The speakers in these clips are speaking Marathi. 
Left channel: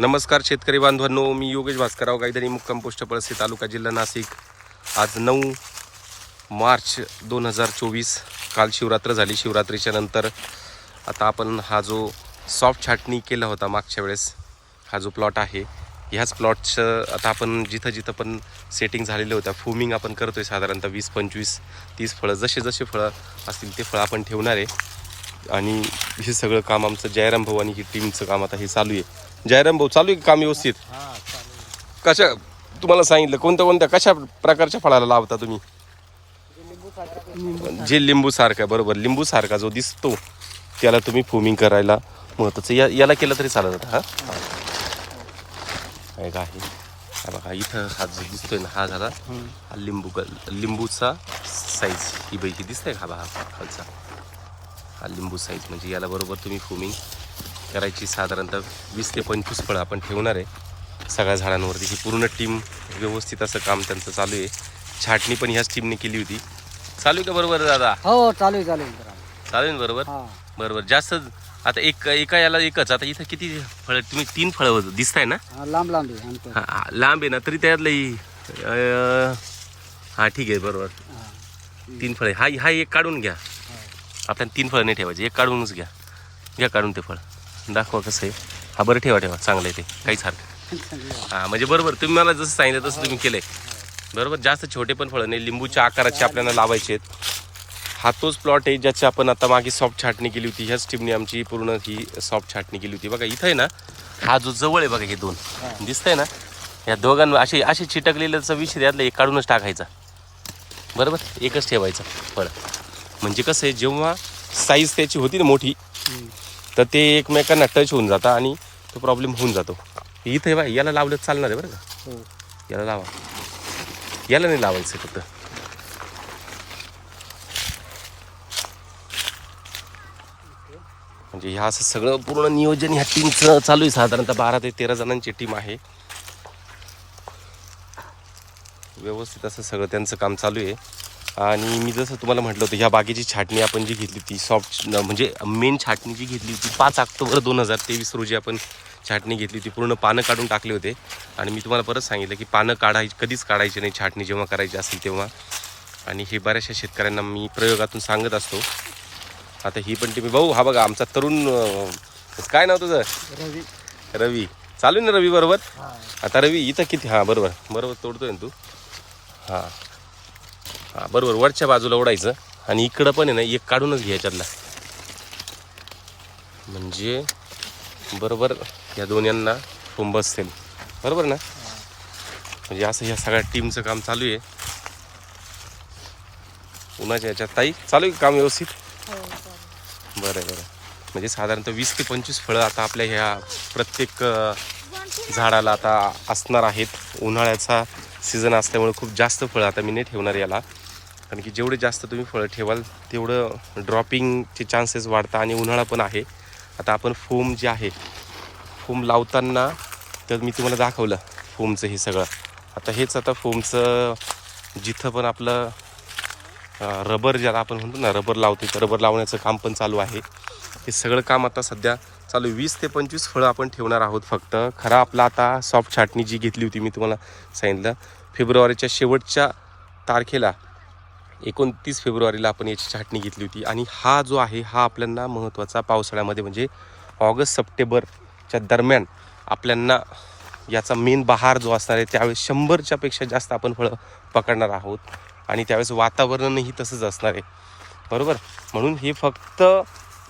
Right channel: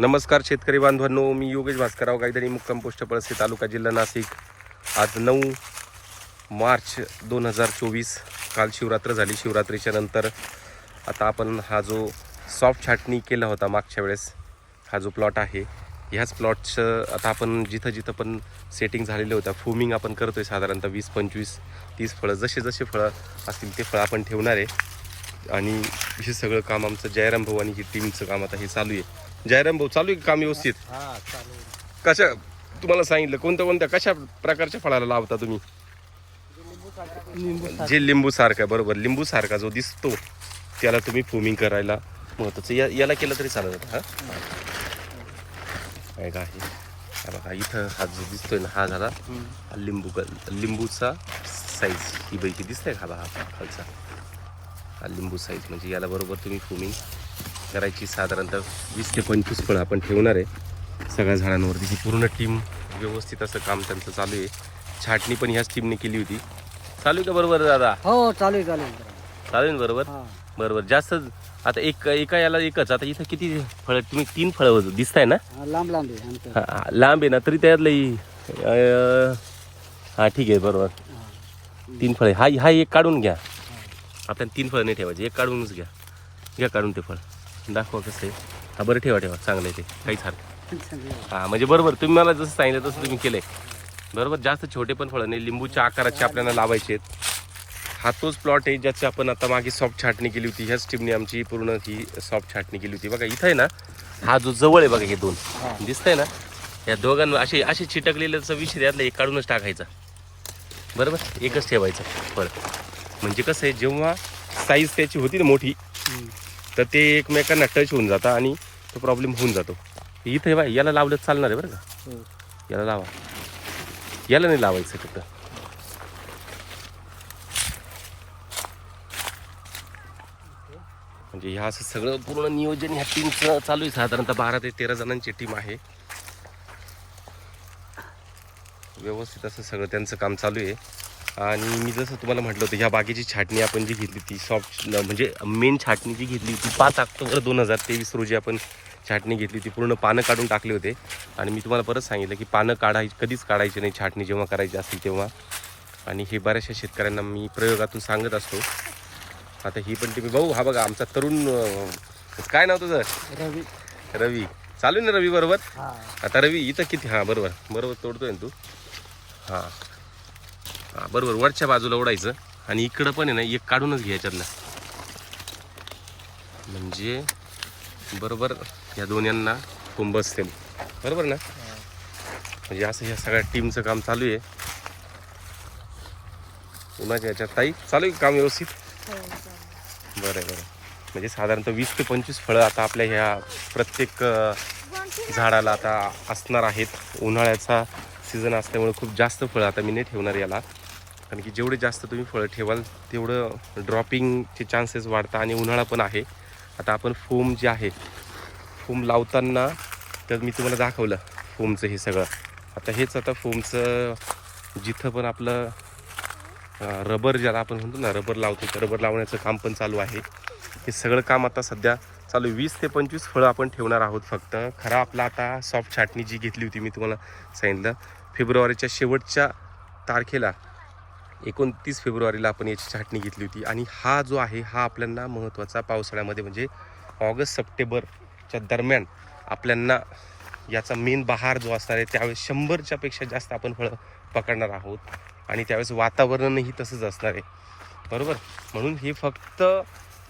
नमस्कार शेतकरी बांधवांनो मी योगेश भास्करराव गायधनी मुक्काम पोस्ट पळसे तालुका जिल्हा नाशिक. आज नऊ मार्च दोन हजार चोवीस काल शिवरात्र झाली. शिवरात्रीच्या नंतर आता आपण हा जो सॉफ्ट छाटणी केला होता मागच्या वेळेस हा जो प्लॉट आहे ह्याच प्लॉटचं आता आपण जिथं जिथं पण सेटिंग झालेलं होत्या फुमिंग आपण करतोय साधारणतः वीस पंचवीस तीस फळं जसे जसे फळं असतील ते फळं आपण ठेवणार आहे. आणि हे सगळं काम आमचं जयराम भाऊ आणि ही टीमचं काम आता हे चालू आहे. जयराम भाऊ चालू आहे का काम व्यवस्थित? हा चालेल कशा तुम्हाला सांगितलं कोणत्या कोणत्या कशा प्रकारच्या फळाला लावता तुम्ही? जे लिंबू सारखा बरोबर. लिंबू सारखा जो दिसतो त्याला तुम्ही फोमिंग करायला महत्वाचं या याला केलं तरी चालत होतं हा? एक आहे हा. बघा इथं हा जो दिसतोय ना हा झाला हा लिंबू क- लिंबूचा साईज ही बैकी दिसतंय का हा बघा हा खालचा? हा लिंबू साईज म्हणजे याला बरोबर तुम्ही फोमिंग करायची साधारणतः वीस ते पंचवीस फळं आपण ठेवणार आहे. सगळ्या झाडांवरती ही पूर्ण टीम व्यवस्थित असं काम त्यांचं चालू आहे. छाटणी पण ह्याच टीमने केली होती. चालू आहे का बरोबर दादा? हो जरा. चालेल ना बरोबर? हा. बरोबर. जास्त आता एक एका याला एकच. आता इथं किती फळं तुम्ही तीन फळं दिसताय ना? हा, लांब लांब आहे लांब आहे ना तरी त्यातलं हा ठीक आहे बरोबर. तीन फळे. हा हा एक काढून घ्या. आपल्याला तीन फळं नाही ठेवायचे एक काढूनच घ्या. घ्या काढून ते फळ. दाखवा कसं आहे. हा बरं ठेवा ठेवा. चांगलं आहे ते. काहीच हरकत आहे. हा म्हणजे बरोबर तुम्ही मला जसं सांगितलं तसं तुम्ही केलंय. बरोबर जास्त छोटे पण फळं नाही. लिंबूच्या आकाराचे आपल्याला लावायचे आहेत. हा तोच प्लॉट आहे ज्याची आपण आता मागे सॉफ्ट छाटणी केली होती. ह्याच टीमने आमची पूर्ण ही सॉफ्ट छाटणी केली होती. बघा इथं आहे ना हा जो जवळ आहे बघा हे दोन. दिसतंय ना? या दोघांना असे असे चिटकलेल्याचा विषय यातला एक काढूनच टाकायचा. बरोबर? एकच ठेवायचं फळ. म्हणजे कसं आहे जेव्हा साईज त्याची होती ना मोठी. तर ते एकमेकांना टच होऊन जातं आणि तो प्रॉब्लेम होऊन जातो. इथे बा याला लावलं चालणार आहे बरं का. याला लावा. याला नाही लावायचं फक्त. म्हणजे ह्या असं सगळं पूर्ण नियोजन ह्या टीमचं चालू आहे. साधारणतः बारा ते तेरा जणांची टीम आहे. व्यवस्थित असं सगळं त्यांचं काम चालू आहे. आणि मी जसं तुम्हाला म्हटलं होतं ह्या बागेची छाटणी आपण जी घेतली ती सॉफ्ट म्हणजे मेन छाटणी जी घेतली होती पाच ऑक्टोबर दोन हजार तेवीस रोजी आपण छाटणी घेतली होती. पूर्ण पानं काढून टाकले होते. आणि मी तुम्हाला परत सांगितलं की पानं काढायची कधीच काढायची नाही छाटणी जेव्हा करायची असेल तेव्हा. आणि हे बऱ्याचशा शेतकऱ्यांना मी प्रयोगातून सांगत असतो. आता ही पण टीम भाऊ हा बघा आमचा तरुण काय नाव तुझं? रवी. रवी. चालू ना रवी बरोबर? आता रवी इथं किती? हां बरोबर. बरोबर तोडतोय ना तू? हां. हां बरोबर वरच्या बाजूला ओढायचं. आणि इकडं पण आहे ना एक काढूनच घ्यायच्यातला म्हणजे बरोबर या दोन्यांना फुंब बसतील बरोबर ना? म्हणजे असं ह्या सगळ्या टीमचं काम चालू आहे. उन्हाच्या याच्यात. ताई चालू आहे काम व्यवस्थित? बरं बरं. म्हणजे साधारणतः वीस ते पंचवीस फळं आता आपल्या ह्या प्रत्येक झाडाला आता असणार आहेत. उन्हाळ्याचा सीझन असल्यामुळे खूप जास्त फळं आता मी नाही ठेवणार याला. कारण की जेवढे जास्त तुम्ही फळं ठेवाल तेवढं ड्रॉपिंगचे चान्सेस वाढतात आणि उन्हाळा पण आहे. आता आपण फोम जे आहे फोम लावताना तर मी तुम्हाला दाखवलं फोमचं हे सगळं. आता हेच आता फोमचं जिथं पण आपलं रबर ज्याला आपण म्हणतो ना रबर लावतो तर रबर लावण्याचं काम पण चालू आहे. हे सगळं काम आता सध्या चालू आहे. वीस ते पंचवीस फळं आपण ठेवणार आहोत फक्त. खरा आपला आता सॉफ्ट छाटणी जी घेतली होती मी तुम्हाला सांगितलं फेब्रुवारीच्या शेवटच्या तारखेला एकोणतीस फेब्रुवारीला आपण याची छाटणी घेतली होती. आणि हा जो आहे हा आपल्यांना महत्त्वाचा पावसाळ्यामध्ये म्हणजे ऑगस्ट सप्टेंबरच्या दरम्यान आपल्यांना याचा मेन बहार जो असणार आहे त्यावेळेस शंभरच्यापेक्षा जास्त आपण फळं पकडणार आहोत. आणि त्यावेळेस वातावरणही तसंच असणार आहे. बरोबर? म्हणून हे फक्त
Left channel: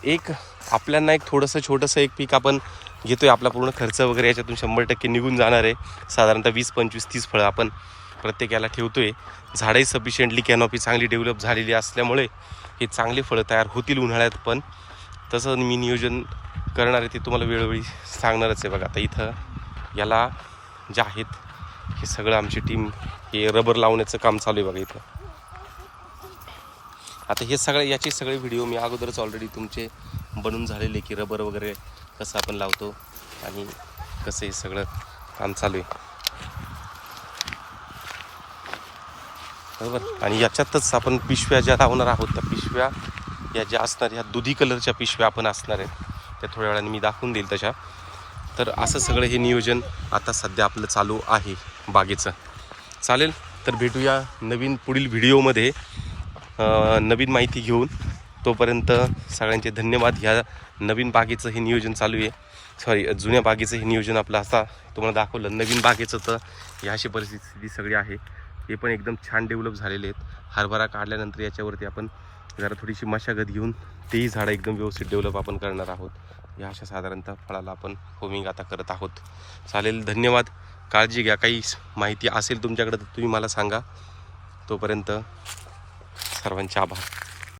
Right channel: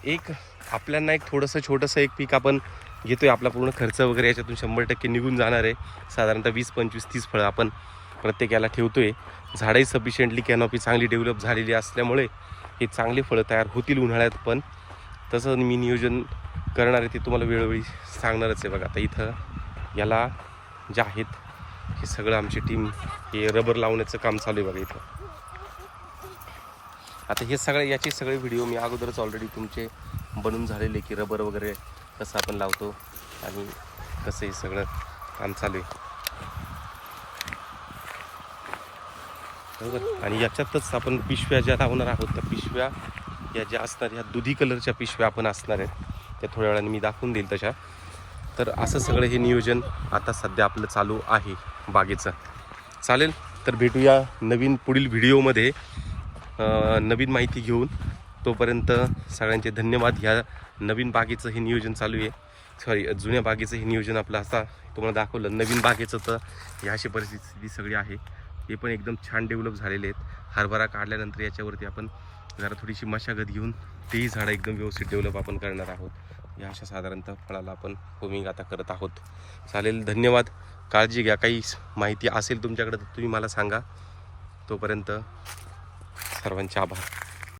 एक आपल्यांना एक थोडंसं छोटंसं एक पीक आपण घेतोय. आपला पूर्ण खर्च वगैरे याच्यातून शंभर टक्के निघून जाणार आहे. साधारणतः वीस पंचवीस तीस फळं आपण प्रत्येक याला आहे झाडंही सफिशियंटली कॅनॉपी चांगली डेव्हलप झालेली असल्यामुळे हे चांगले फळं तयार होतील उन्हाळ्यात पण. तसं मी नियोजन करणार आहे ते तुम्हाला वेळोवेळी सांगणारच आहे बघा. आता इथं याला जे आहेत हे सगळं आमची टीम हे रबर लावण्याचं काम चालू आहे बघा इथं. आता हे सगळे याचे सगळे व्हिडिओ मी अगोदरच ऑलरेडी तुमचे बनून झालेले की रबर वगैरे कसं आपण लावतो आणि कसं हे सगळं काम चालू आहे. बरोबर? आणि याच्यातच आपण पिशव्या ज्या लावणार आहोत त्या पिशव्या या ज्या असणार ह्या दुधी कलरच्या पिशव्या आपण असणार आहेत त्या थोड्या वेळाने मी दाखवून देईल तशा. तर असं सगळं हे नियोजन आता सध्या आपलं चालू आहे बागेचं. चालेल? तर भेटूया नवीन पुढील व्हिडिओमध्ये नवीन माहिती घेऊन. तोपर्यंत सगळ्यांचे धन्यवाद. ह्या नवीन बागेचं हे नियोजन चालू आहे. सॉरी जुन्या बागेचं हे नियोजन आपलं असा तुम्हाला दाखवलं. नवीन बागेचं तर ह्या अशी परिस्थिती सगळी आहे. हे पण एकदम छान डेव्हलप झालेले आहेत. हरभरा काढल्यानंतर याच्यावरती आपण जरा थोडीशी मशागत घेऊन तेही झाडं एकदम व्यवस्थित डेव्हलप आपण करणार आहोत. या अशा साधारणतः फळाला आपण होमिंग आता करत आहोत. चालेल धन्यवाद. काळजी घ्या. काही माहिती असेल तुमच्याकडे तर तुम्ही मला सांगा. तोपर्यंत सर्वांचे आभार.